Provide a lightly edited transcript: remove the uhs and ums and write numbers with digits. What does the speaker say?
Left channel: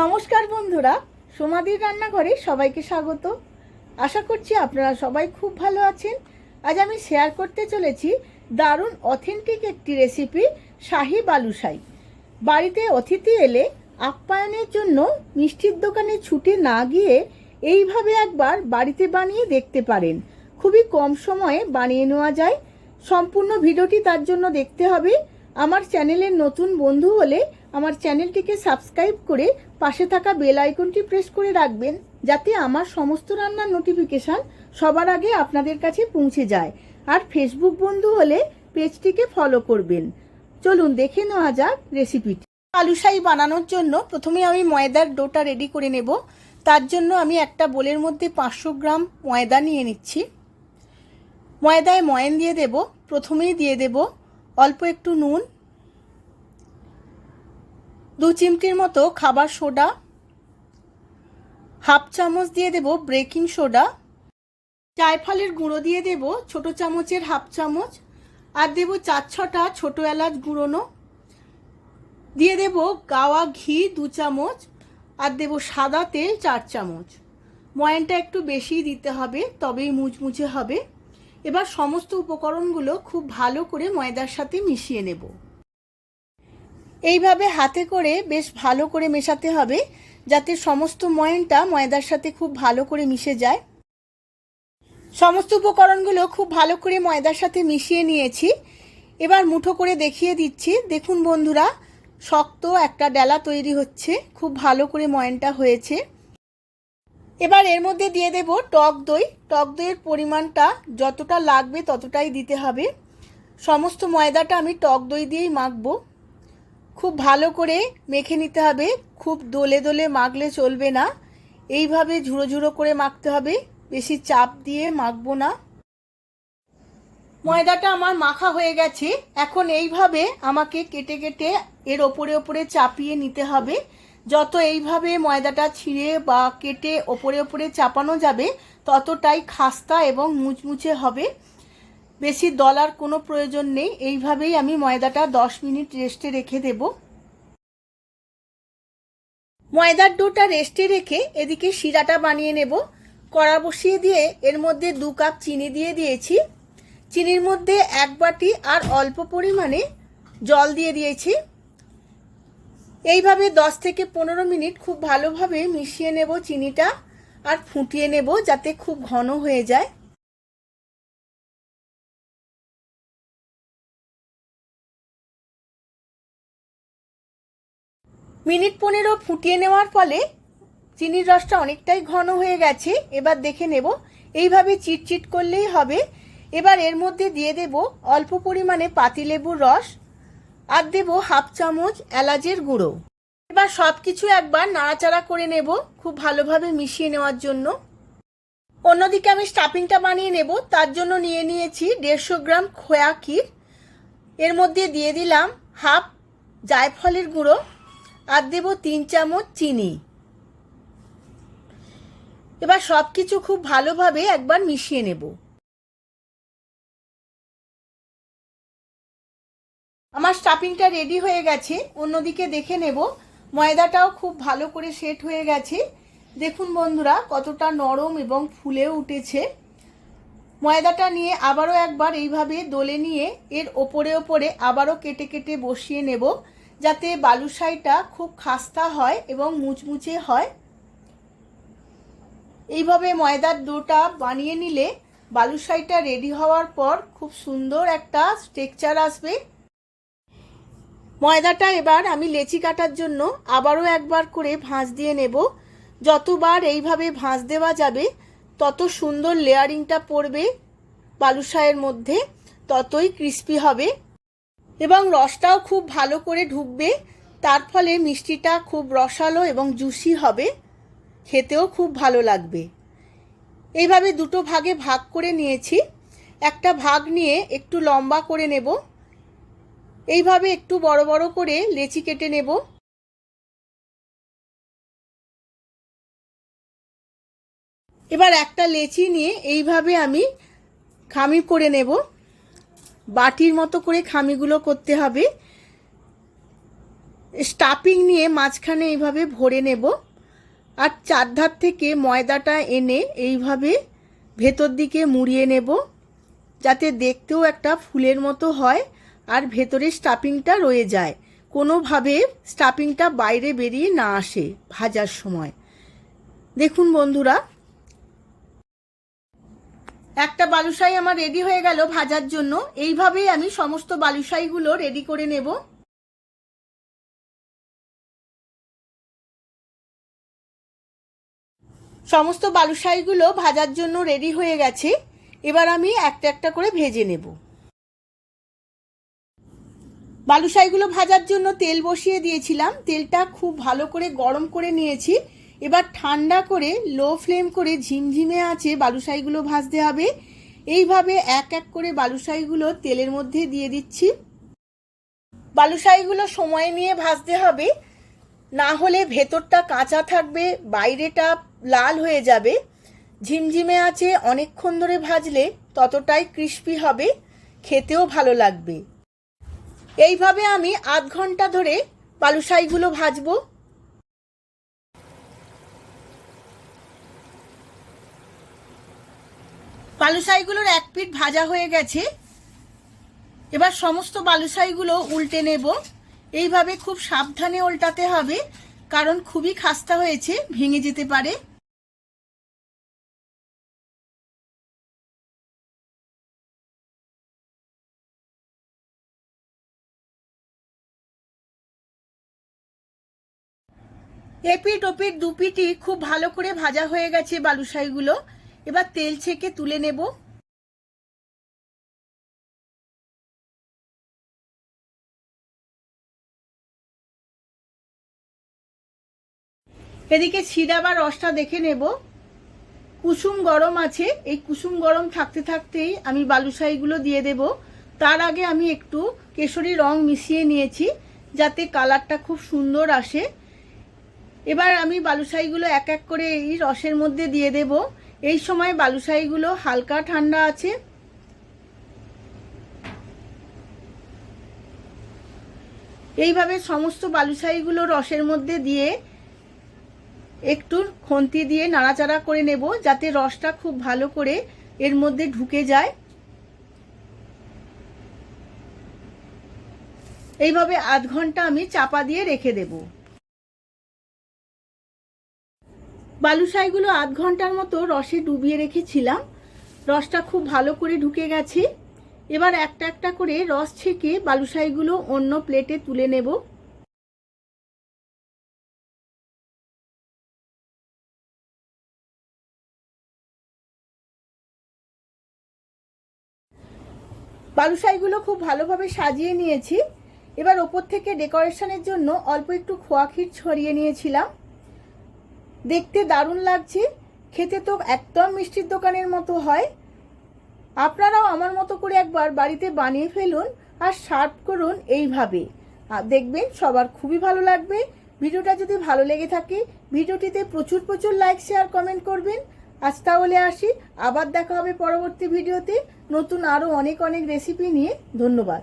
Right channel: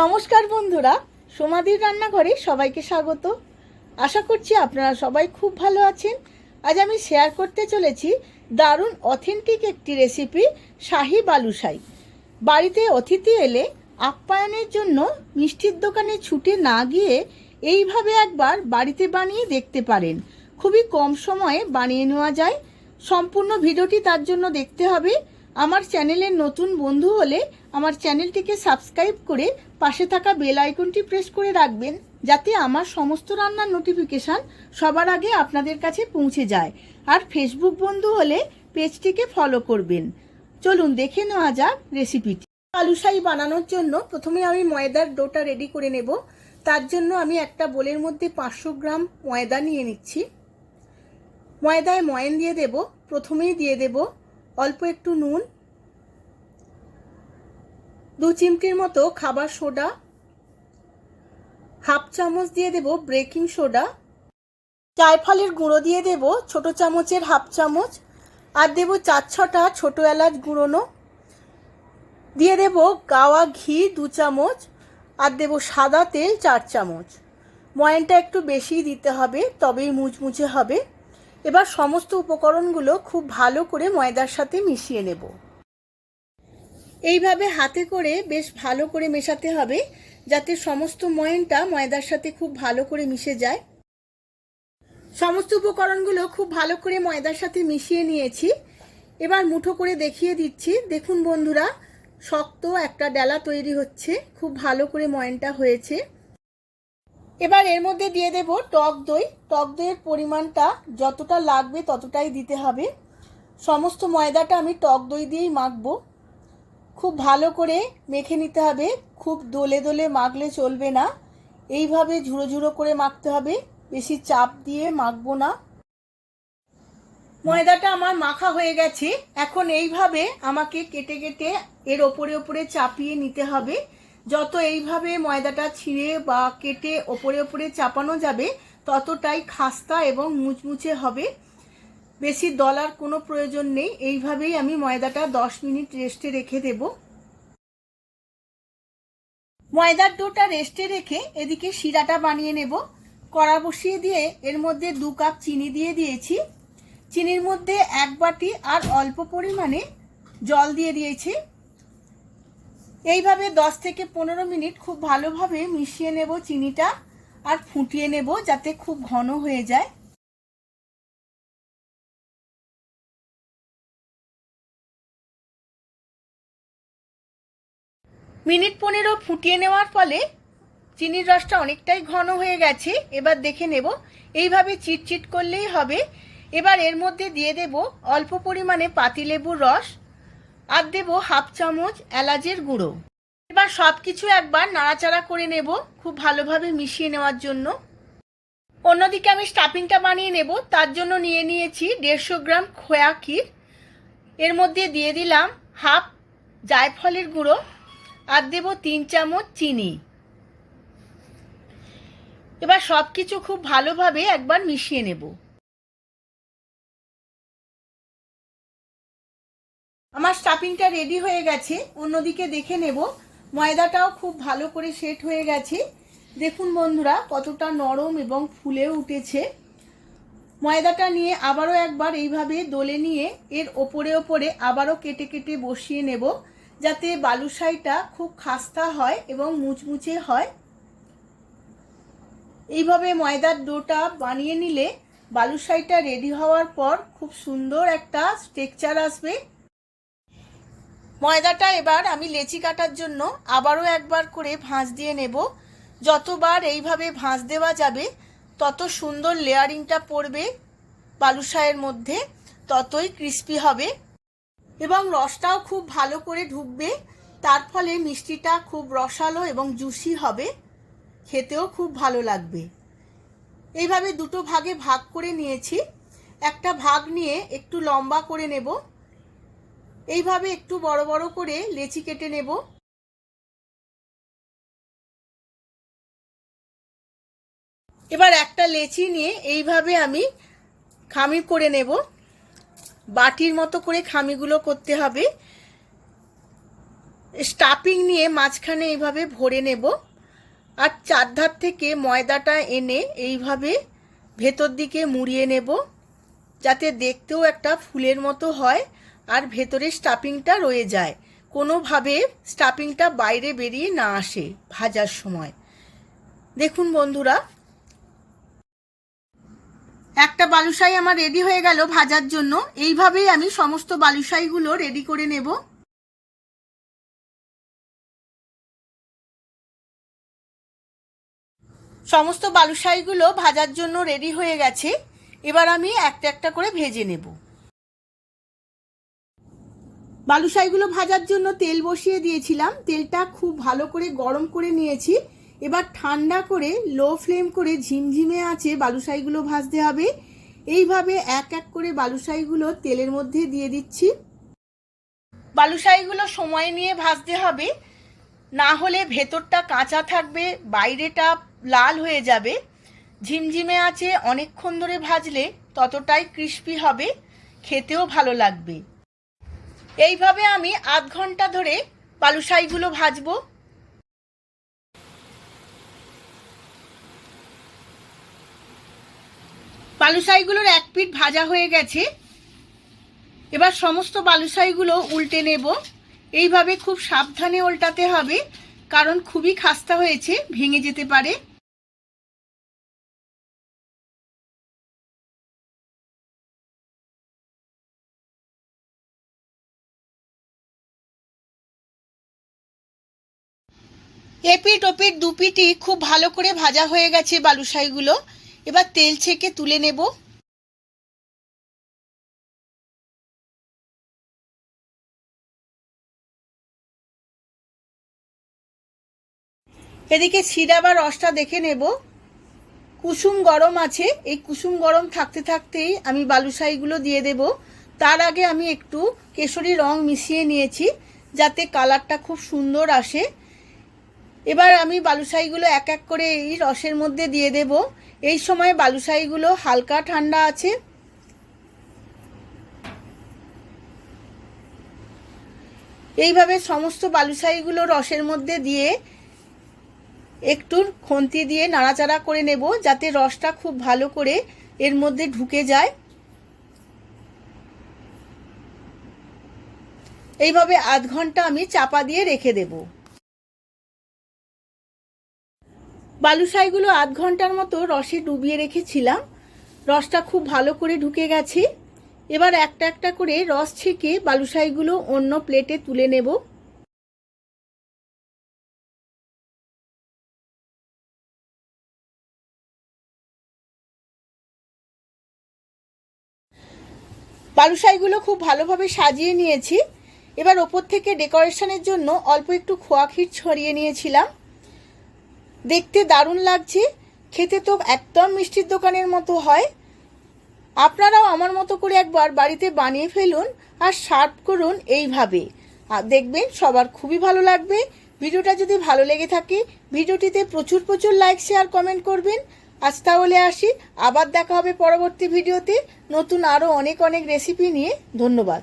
নমস্কার বন্ধুরা, সোমাদির রান্নাঘরে সবাইকে স্বাগত। আশা করছি আপনারা সবাই খুব ভালো আছেন। আজ আমি শেয়ার করতে চলেছি দারুণ অথেন্টিক একটি রেসিপি, শাহী বালুশাই। বাড়িতে অতিথি এলে আপ্যায়নের জন্য মিষ্টির দোকানে ছুটে না গিয়ে এইভাবে একবার বাড়িতে বানিয়ে দেখতে পারেন। খুবই কম সময়ে বানিয়ে নেওয়া যায়। সম্পূর্ণ ভিডিওটি তার জন্য দেখতে হবে। আমার চ্যানেলের নতুন বন্ধু হলে আমার চ্যানেলটিকে সাবস্ক্রাইব করে পাশে থাকা বেল আইকনটি প্রেস করে রাখবেন, যাতে আমার সমস্ত রান্নার নোটিফিকেশান সবার আগে আপনাদের কাছে পৌঁছে যায়। আর ফেসবুক বন্ধু হলে পেজটিকে ফলো করবেন। চলুন দেখে নেওয়া যাক রেসিপিটি। বালুশাই বানানোর জন্য প্রথমে আমি ময়দার ডোটা রেডি করে নেব। তার জন্য আমি একটা বোলের মধ্যে 500 গ্রাম ময়দা নিয়ে নিচ্ছি। ময়দায় ময়ান দিয়ে দেব। প্রথমেই দিয়ে দেব অল্প একটু নুন, 2 চিমটির মতো খাবার সোডা, হাফ চামচ দিয়ে দেব বেকিং সোডা, জায়ফলের গুঁড়ো দিয়ে দেব ছোট চামচের হাফ চামচ, আর দেব 4-6টা ছোট এলাচ গুঁড়োনো, দিয়ে দেব গাওয়া ঘি 2 চামচ, আর দেব সাদা তেল 4 চামচ। ময়ানটা একটু বেশি দিতে হবে, তবেই মুচমুচে হবে। এবার সমস্ত উপকরণগুলো খুব ভালো করে ময়দার সাথে মিশিয়ে নেব। এইভাবে হাতে করে বেশ ভালো করে মেশাতে হবে, যাতে সমস্ত ময়ানটা ময়দার সাথে খুব ভালো করে মিশে যায়। সমস্ত উপকরণগুলো খুব ভালো করে ময়দার সাথে মিশিয়ে নিয়েছি। এবার মুঠো করে দেখিয়ে দিচ্ছি। দেখুন বন্ধুরা, শক্ত একটা ডেলা তৈরি হচ্ছে। খুব ভালো করে ময়ানটা হয়েছে। এবার এর মধ্যে দিয়ে দেব টক দই। টক দইয়ের পরিমাণটা যতটা লাগবে ততটাই দিতে হবে। সমস্ত ময়দাটা আমি টক দই দিয়েই মাখবো। খুব ভালো করে মেখে নিতে হবে। খুব দোলে দোলে মাখলে চলবে না, এইভাবে ঝুড়ো ঝুড়ো করে মাখতে হবে, বেশি চাপ দিয়ে মাখবো না। ময়দাটা আমার মাখা হয়ে গেছে। এখন এইভাবে আমাকে কেটে কেটে এর ওপরে ওপরে চাপিয়ে নিতে হবে। যত এইভাবে ময়দাটা ছিঁড়ে বা কেটে ওপরে ওপরে চাপানো যাবে, ততটাই খাস্তা এবং মুচমুচে হবে। বেশি দলার কোনো প্রয়োজন নেই। এইভাবেই আমি ময়দাটা 10 মিনিট রেস্টে রেখে দেব। ময়দার ডোটা রেস্টে রেখে এদিকে শিরাটা বানিয়ে নেব। কড়া বসিয়ে দিয়ে এর মধ্যে 2 কাপ চিনি দিয়ে দিয়েছি। চিনির মধ্যে 1 বাটি আর অল্প পরিমাণে জল দিয়ে দিয়েছি। এইভাবে 10 থেকে 15 মিনিট খুব ভালোভাবে মিশিয়ে নেব চিনিটা, আর ফুটিয়ে নেব যাতে খুব ঘন হয়ে যায়। মিনিট 15 ফুটিয়ে নেওয়ার ফলে চিনির রসটা অনেকটাই ঘন হয়ে গেছে। এবার দেখে নেব, এইভাবে চিটচিট করলেই হবে। এবার এর মধ্যে দিয়ে দেব অল্প পরিমাণে পাতিলেবুর রস, আর দেব হাফ চামচ এলাচের গুঁড়ো। এবার সব কিছু একবার নাড়াচাড়া করে নেব খুব ভালোভাবে মিশিয়ে নেওয়ার জন্য। অন্যদিকে আমি স্টাফিংটা বানিয়ে নেব। তার জন্য নিয়ে নিয়েছি 150 গ্রাম খোয়া ক্ষীর। এর মধ্যে দিয়ে দিলাম হাফ জায়ফলের গুঁড়ো, আর দেব 3 চামচ চিনি। এবার সব কিছু খুব ভালোভাবে একবার মিশিয়ে নেব। আমার স্টাফিংটা রেডি হয়ে গেছে। অন্যদিকে দেখে নেব, ময়দাটাও খুব ভালো করে সেট হয়ে গেছে। দেখুন বন্ধুরা, কতটা নরম এবং ফুলেও উঠেছে। ময়দাটা নিয়ে আবারও একবার এইভাবে দোলে নিয়ে এর ওপরে ওপরে আবারও কেটে কেটে বসিয়ে নেব, যাতে বালুশাইটা খুব খাস্তা হয় এবং মুচমুচে হয়। এইভাবে ময়দার ডোটা বানিয়ে নিলে বালুশাইটা রেডি হওয়ার পর খুব সুন্দর একটা টেক্সচার আসবে। ময়দাটা এবার আমি লেচি কাটার জন্য আবারও একবার করে ভাঁজ দিয়ে নেব। যতবার এইভাবে ভাঁজ দেওয়া যাবে, তত সুন্দর লেয়ারিংটা পড়বে বালুশাইয়ের মধ্যে, ততই ক্রিস্পি হবে এবং রসটাও খুব ভালো করে ঢুকবে। তার ফলে মিষ্টিটা খুব রসালো এবং জুসি হবে, খেতেও খুব ভালো লাগবে। এইভাবে 2টো ভাগে ভাগ করে নিয়েছি। একটা ভাগ নিয়ে একটু লম্বা করে নেব। এইভাবে একটু বড় বড় করে লেচি কেটে নেব। এবার একটা লেচি নিয়ে এইভাবে আমি খামি করে নেব। বাটির মতো করে খামিগুলো করতে হবে। স্টাফিং নিয়ে মাঝখানে এইভাবে ভরে নেব আর চারধার থেকে ময়দাটা এনে এইভাবে ভেতর দিকে মুড়িয়ে নেব যাতে দেখতেও একটা ফুলের মতো হয় আর ভেতরে স্টাফিংটা রয়ে যায়, কোনোভাবে স্টাফিংটা বাইরে বেরিয়ে না আসে ভাজার সময়। দেখুন বন্ধুরা, একটা বালুশাই আমার রেডি হয়ে গেল ভাজার জন্য। এইভাবেই আমি সমস্ত বালুশাইগুলো রেডি করে নেব। সমস্ত বালুশাইগুলো ভাজার জন্য রেডি হয়ে গেছে। এবার আমি একটা একটা করে ভেজে নেব। বালুশাইগুলো ভাজার জন্য তেল বসিয়ে দিয়েছিলাম, তেলটা খুব ভালো করে গরম করে নিয়েছি। এবার ঠান্ডা করে লো ফ্লেম করে ঝিমঝিমে আঁচে বালুশাইগুলো ভাজতে হবে। এইভাবে এক এক করে বালুশাইগুলো তেলের মধ্যে দিয়ে দিচ্ছি। বালুশাইগুলো সময় নিয়ে ভাজতে হবে, না হলে ভেতরটা কাঁচা থাকবে, বাইরেটা লাল হয়ে যাবে। ঝিমঝিমে আঁচে অনেকক্ষণ ধরে ভাজলে ততটাই ক্রিস্পি হবে, খেতেও ভালো লাগবে। এইভাবে আমি আধ ঘন্টা ধরে বালুশাইগুলো ভাজবো। বালুশাইগুলোর এক পিঠ ভাজা হয়ে গেছে। এবার সমস্ত বালুশাইগুলো উল্টে নেব। এইভাবে খুব সাবধানে উল্টাতে হবে, কারণ খুবই খাস্তা হয়েছে, ভেঙে যেতে পারে। এপিঠ ওপিঠ দুপিঠই খুব ভালো করে ভাজা হয়ে গেছে বালুশাইগুলো। এবার তেল ছেঁকে তুলে নেব। এদিকে শিরা বা রসটা দেখে নেব। কুসুম গরম আছে, এই কুসুম গরম থাকতে থাকতেই আমি বালুশাইগুলো দিয়ে দেব। তার আগে আমি একটু কেশরী রং মিশিয়ে নিয়েছি যাতে কালারটা খুব সুন্দর আসে। এবার আমি বালুশাইগুলো এক এক করে এই রসের মধ্যে দিয়ে দেব। এই সময় বালুশাইগুলো হালকা ঠান্ডা আছে। এইভাবে সমস্ত বালুশাইগুলো রসের মধ্যে দিয়ে একটু খুন্তি দিয়ে নাড়াচাড়া করে নেব যাতে রসটা খুব ভালো করে এর মধ্যে ঢুকে যায়। এইভাবে আধ ঘন্টা আমি চাপা দিয়ে রেখে দেব। বালুশাইগুলো আধ ঘন্টার মতো রসে ডুবিয়ে রেখেছিলাম, রসটা খুব ভালো করে ঢুকে গেছে। এবার একটা একটা করে রস ছেঁকে বালুশাইগুলো অন্য প্লেটে তুলে নেব। বালুশাইগুলো খুব ভালোভাবে সাজিয়ে নিয়েছি। এবার ওপর থেকে ডেকোরেশনের জন্য অল্প একটু খোয়া ক্ষীর ছড়িয়ে নিয়েছিলাম। দেখতে দারুণ লাগছে, খেতে তো একদম মিষ্টির দোকানের মতো হয়। আপনারাও আমার মতো করে একবার বাড়িতে বানিয়ে ফেলুন আর সার্ভ করুন এইভাবে, দেখবেন সবার খুবই ভালো লাগবে। ভিডিওটা যদি ভালো লেগে থাকে ভিডিওটিতে প্রচুর প্রচুর লাইক শেয়ার কমেন্ট করবেন। আজ তাহলে আসি, আবার দেখা হবে পরবর্তী ভিডিওতে নতুন আরও অনেক অনেক রেসিপি নিয়ে। ধন্যবাদ।